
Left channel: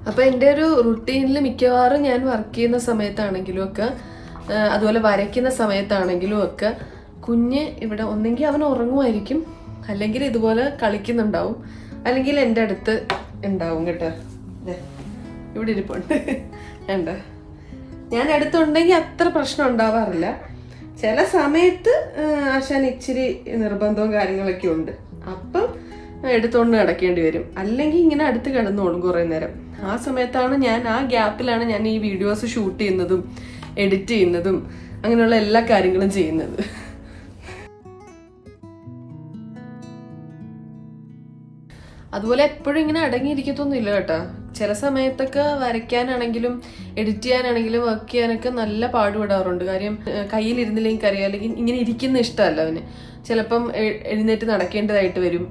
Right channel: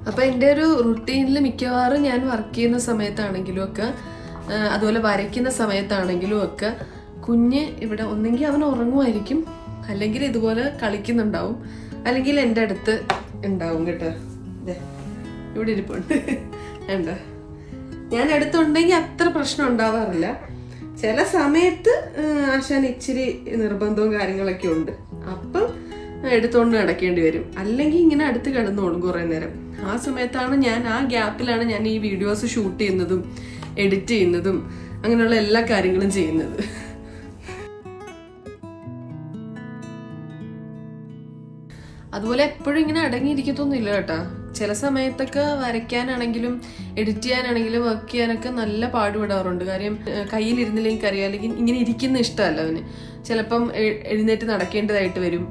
അപ്പോൾ എൻ്റെ ഒരു റുട്ടീനിൽ മിക്കവാറും ഞാൻ വർക്ക് ചെയ്യുന്ന സമയത്താണെങ്കിലും ഒക്കെ അതുപോലെ വരയ്ക്കുന്ന സമയത്താണെങ്കിലും ഒക്കെ കുഞ്ഞ് ഇവിടെ ഒന്നെങ്കിൽ അവൻ ഉറങ്ങുമായിരിക്കും, അല്ലെങ്കിൽ ഇതുപോലെ കളിക്കുന്നുണ്ടാവും, അല്ലെങ്കിൽ എൻ്റെ അടുത്ത് ഉണ്ടാവും കേട്ടോ. ഇവിടെ ഇരിപ്പുണ്ട് വേണ്ട. ഞാൻ അടുത്തുണ്ടെങ്കിൽ അത്ര പ്രശ്നം ഉണ്ടാവാറില്ല. ചില സമയത്ത് ആശാൻ ഇച്ചിരി നിർബന്ധവും കാര്യങ്ങളൊക്കെ ഉണ്ട്, അപ്പം എടുത്തുകൊണ്ട് നടക്കേണ്ടി വരും. അല്ലെങ്കിൽ ഇങ്ങനെ അടുത്ത് കിടന്നോളും കുറേ നേരം. ആ സമയത്താണ് ആ ഗ്യാപ്പിലാണ് ഞാൻ ഈ വീഡിയോസ് ഷൂട്ട് ചെയ്യുന്നതും എഡിറ്റ് ചെയ്യുന്നതും അങ്ങനെയുള്ള എല്ലാ കാര്യങ്ങളും ചെയ്യുന്നത്. അതുപോലെ എപ്പോഴും ഇങ്ങനെ അടങ്ങിയിരിക്കത്തൊന്നുമില്ല കേട്ടോ. ചില സമയത്തൊക്കെ വരയ്ക്കാനാണെങ്കിലും എഡിറ്റ് ചെയ്യാനാണെങ്കിലും വർക്ക് ചെയ്യാനൊക്കെ നല്ല പാടുപെടാറുണ്ട്. കാര്യം കയ്യിലിരുന്നില്ലെങ്കിൽ അറിയാം, അല്ലെങ്കിൽ ഇങ്ങനെ ഇരിക്കുന്ന ഇഷ്ടമല്ല അവന്. ചിലപ്പം എഴുന്നേറ്റ് നടക്കേണ്ടതായിട്ട് വരും.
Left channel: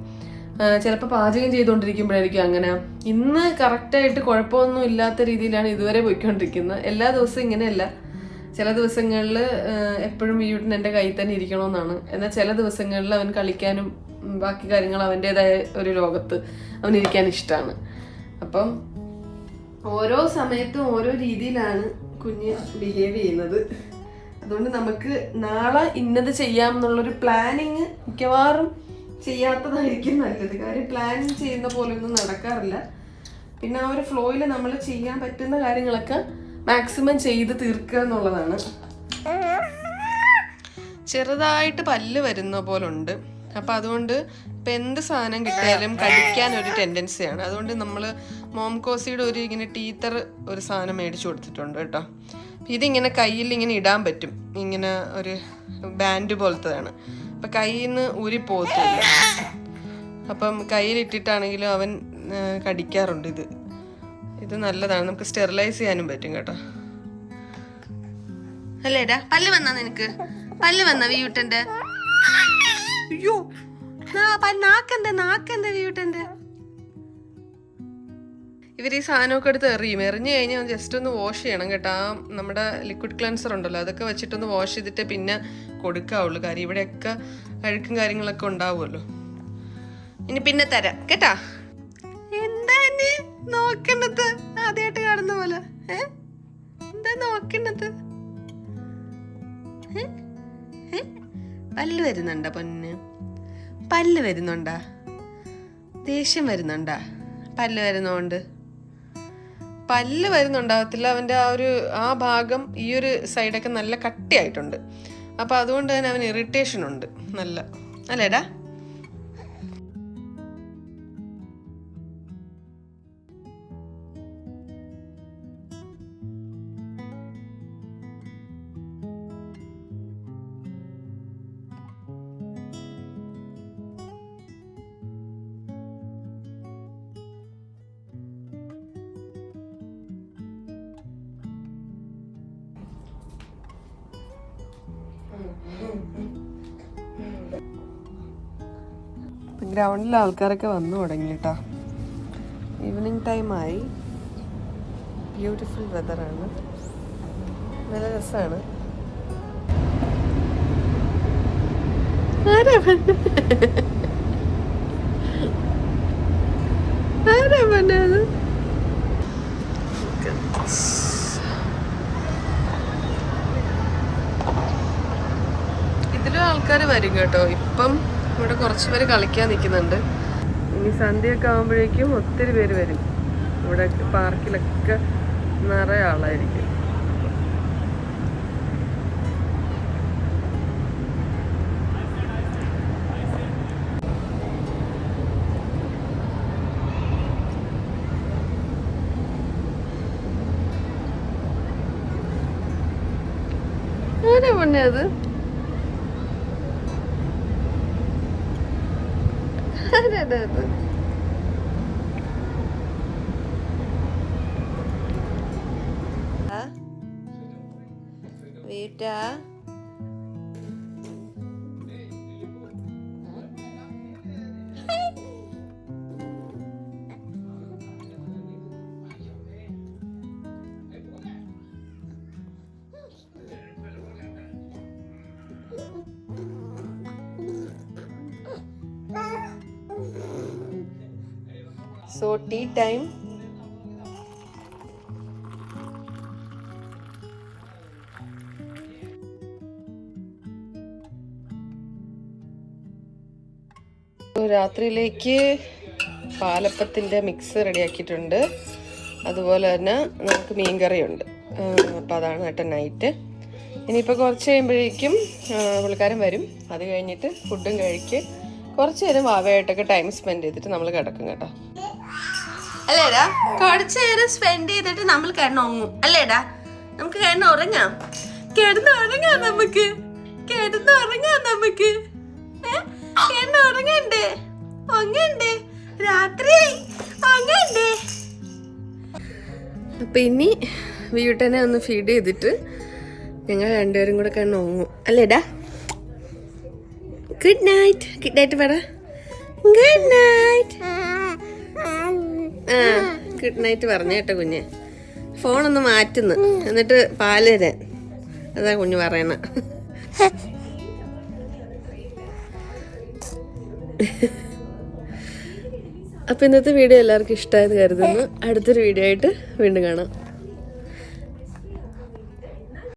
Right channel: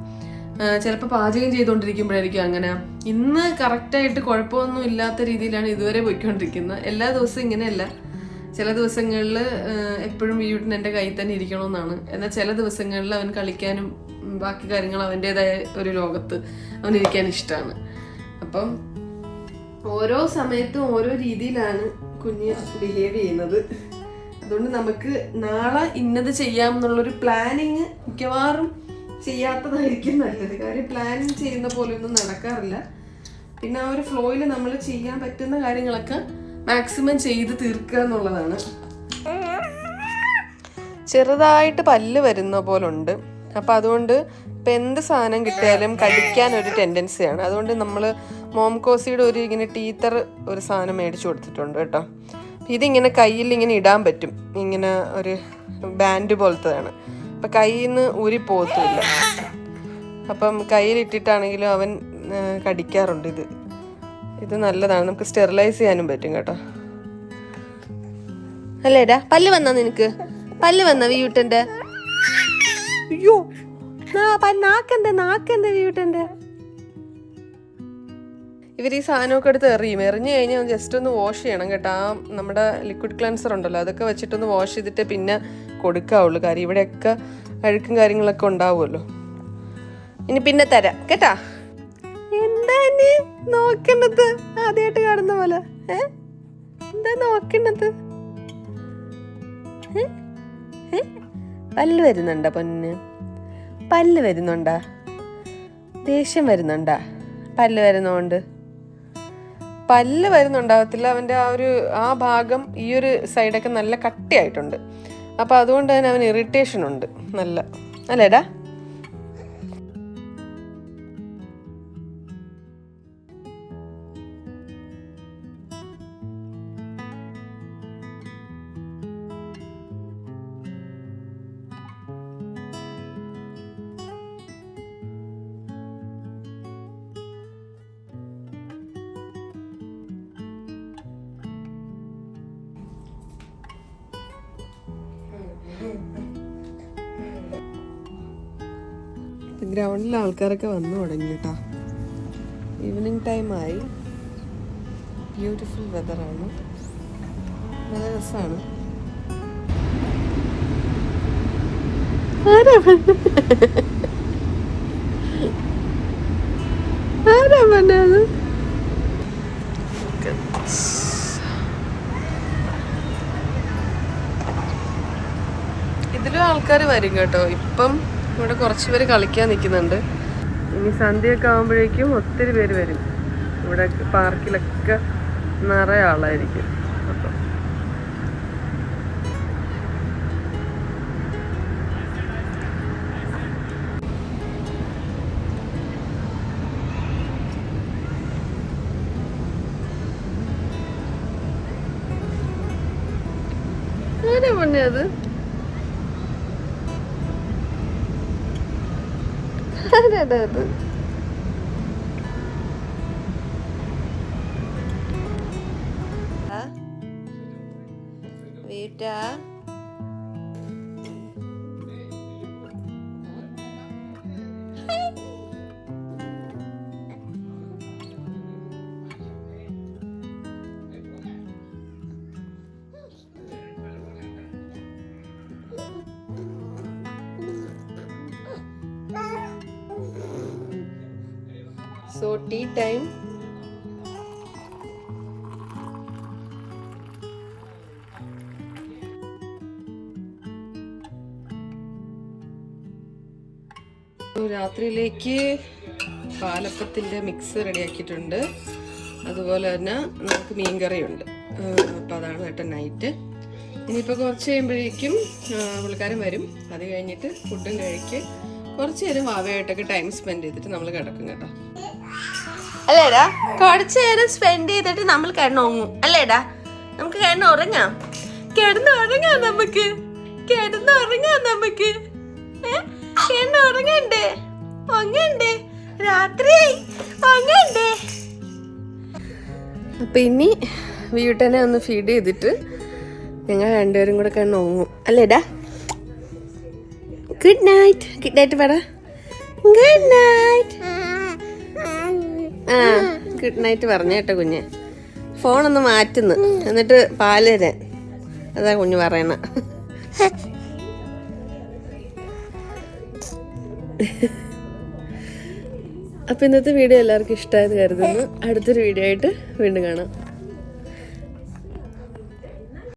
ചിലപ്പോൾ പാചകം ചെയ്തുകൊണ്ടിരിക്കുമ്പോഴായിരിക്കും അങ്ങനെ. ഇന്ന് കറക്റ്റായിട്ട് കുഴപ്പമൊന്നും ഇല്ലാത്ത രീതിയിലാണ് ഇതുവരെ പോയിക്കൊണ്ടിരിക്കുന്നത്. എല്ലാ ദിവസവും ഇങ്ങനെയല്ല. ചില ദിവസങ്ങളിൽ എപ്പോഴും വീട്ടിൽ എൻ്റെ കയ്യിൽ തന്നെ ഇരിക്കണമെന്നാണ്. എന്നാൽ ചില ദിവസങ്ങളിൽ അവൻ കളിക്കാനും ബാക്കി കാര്യങ്ങൾ അവൻ്റെതായ ഒരു ലോകത്ത് അവനിരിക്കാൻ ഇഷ്ടമാണ്. അപ്പം ഓരോ സമയത്തും ഓരോ രീതിയിലാണ് കുഞ്ഞ് ബിഹേവ് ചെയ്യുന്നത്. അതുകൊണ്ട് നമുക്ക് നാളെ ഇന്നത് ചെയ്യാം എന്നുള്ളൊരു പ്ലാനിങ് മിക്കവാറും ചെയ്യാത്തതായിരിക്കും നല്ലത്. കാര്യം പ്ലാൻ ചെയ്യുന്ന പോലെ ഒന്നും നടക്കാറില്ല. പിന്നെ ആ ഒരു ഫ്ലോയിൽ നമ്മൾ ചെയ്യാൻ പറ്റുന്ന കാര്യങ്ങളൊക്കെ മാക്സിമം ചെയ്ത് തീർക്കുക എന്നുള്ളതാണ്. ചെറുതായിട്ട് പല്ല് വരുന്ന പോലുണ്ട്. അപ്പം അതുകൊണ്ട് ഇപ്പം എന്ത് സാധനം കിട്ടിയാലും കടിക്കാൻ ഒരു ടെൻഡൻസിയാണ്. അതുകൊണ്ട് നമ്മൾ മോംകോസിയുടെ ഒരു ഇങ്ങനെ ടീത്തർ ഒരു സാധനം മേടിച്ചു കൊടുത്തിട്ടുണ്ട് കേട്ടോ. ഇതിങ്ങനെ കയ്യിൽ ഇങ്ങനെ ഇടാൻ പറ്റും. ഇങ്ങനെ ഒരു ബാൻഡ് പോലത്തതാണ്. അപ്പം കയ്യിൽ നിന്ന് ഊരിപ്പോകത്തുമില്ല. അപ്പം കയ്യിലിട്ടിട്ടാണെങ്കിലും അവൻ കടിക്കാറുണ്ട്. ഇത് നല്ലതാണ്. നമുക്ക് സ്റ്റെറിലൈസ് ചെയ്യാനും പറ്റും കേട്ടോ. അല്ലേടാ? പല്ല് വന്നാ നിനക്ക്? പല്ല് വന്നാ വീട്ടൻ്റെ? അയ്യോ നാക്കെന്താ വീട്ടൻ്റെ? ഇവർ ഈ സാധനമൊക്കെ എടുത്ത് എറിഞ്ഞു കഴിഞ്ഞാൽ ജസ്റ്റ് ഒന്ന് വാഷ് ചെയ്യണം കേട്ടോ. നമ്മുടെ ലിക്വിഡ് ക്ലെൻസർ ഉണ്ടല്ലോ, അതൊക്കെ വെച്ചിട്ടൊന്ന് വാഷ് ചെയ്തിട്ട് പിന്നെ കൊടുക്കാവുള്ളൂ. കാര്യം ഇവിടെയൊക്കെ അഴുക്കും കാര്യങ്ങളൊക്കെ ഉണ്ടാവുമല്ലോ. ഇനി പിന്നെ തരാം കേട്ടാ. എന്താ നോക്കണത്? ആദ്യമായിട്ട് കാണുന്ന പോലെ എന്താ നോക്കണത്? പല്ല് വരുന്നുണ്ടാ പൊന്ന്? പല്ല് വരുന്നുണ്ടാ? ദേഷ്യം വരുന്നുണ്ടാ? പല്ല് വരുന്നോണ്ട്? പല്ല് വരുന്നുണ്ടാകത്തില്ല. അവൻ്റെ ആ ഭാഗം ഈ ഒരു സൈഡൊക്കെ നല്ല കട്ടിയായിട്ടുണ്ട്. അപ്പം അതുകൊണ്ട് തന്നെ അവന് ഇറിറ്റേഷൻ ഉണ്ട് നല്ല. അല്ലേടാ? ഗ്രൗണ്ടിൽ ആൾക്കാരൊക്കെ വന്നു തുടങ്ങി കേട്ടോ. ഈവനിങ് ടൈമായി. ബ്യൂട്ടിഫുൾ വെതറാണ്, നല്ല രസമാണ്. ആരാ പറഞ്ഞത്? ഇതിലും ആൾക്കാർ വരും കേട്ടോ. ഇപ്പം ഇവിടെ കുറച്ച് പേര് കളിക്കാൻ നിൽക്കുന്നുണ്ട്. ഇനി സന്ധ്യയൊക്കെ ആകുമ്പോഴേക്കും ഒത്തിരി പേര് വരും. ഇവിടെ പാർക്കിലൊക്കെ നിറയെ ആളായിരിക്കും. അപ്പം ആരാ പൊന്നെ അത്? ആരാടാ അത്? വീട്ടാ So tea time. രാത്രിയിലേക്ക് പാലപ്പത്തിൻ്റെ മിക്സ് റെഡിയാക്കിയിട്ടുണ്ട്. അതുപോലെ തന്നെ നമുക്ക് മീൻകറിയുണ്ട്. അപ്പോൾ അതാണ് കേട്ടോ നൈറ്റ്. ഇനിയിപ്പോൾ കുറച്ച് കഴിയുമ്പോഴേക്കും പുള്ളിക്കാരൻ വരും. അത് കഴിഞ്ഞിട്ട് ഫുഡും കഴിക്ക് കുറച്ച് നേരം വാവയായിട്ടൊക്കെ ടൈം സ്പെൻഡ് ചെയ്തിട്ട് നമ്മൾ കിടക്കും കേട്ടോ. അല്ലേടാ? കുറച്ച് നേരം സ്പെൻഡ് ചെയ്തിട്ട് നമ്മൾ കിടന്നുറങ്ങും അല്ലേടാ? നമുക്ക് കിടന്നുറങ്ങാം, കിടന്നുറങ്ങാം, നമുക്ക് കിടന്നുറങ്ങാം, നമുക്ക് കിടന്നുറങ്ങണ്ടേ? ഒങ്ങണ്ടേ? രാത്രി ഒങ്ങണ്ടേ? അപ്പൊ ഇനി വീട്ടനെ ഒന്ന് ഫീഡ് ചെയ്തിട്ട് ഞങ്ങൾ രണ്ടുപേരും കൂടെ കിടന്നുറങ്ങും അല്ലേടാ? Good night. ഗുഡ് നൈറ്റ് പറ. Good night. ആ ഗുഡ് നൈറ്റ് പറഞ്ഞ കേട്ടോ കുഞ്ഞ്. ഫോണൊന്ന് മാറ്റുന്നു, എന്നിട്ട് പാല് തരാൻ. അതാ കുഞ്ഞ് പറയണ. അപ്പൊ ഇന്നത്തെ വീഡിയോ എല്ലാവർക്കും ഇഷ്ടമായത് കരുതുന്നു. അടുത്തൊരു വീഡിയോ ആയിട്ട് വീണ്ടും കാണാം.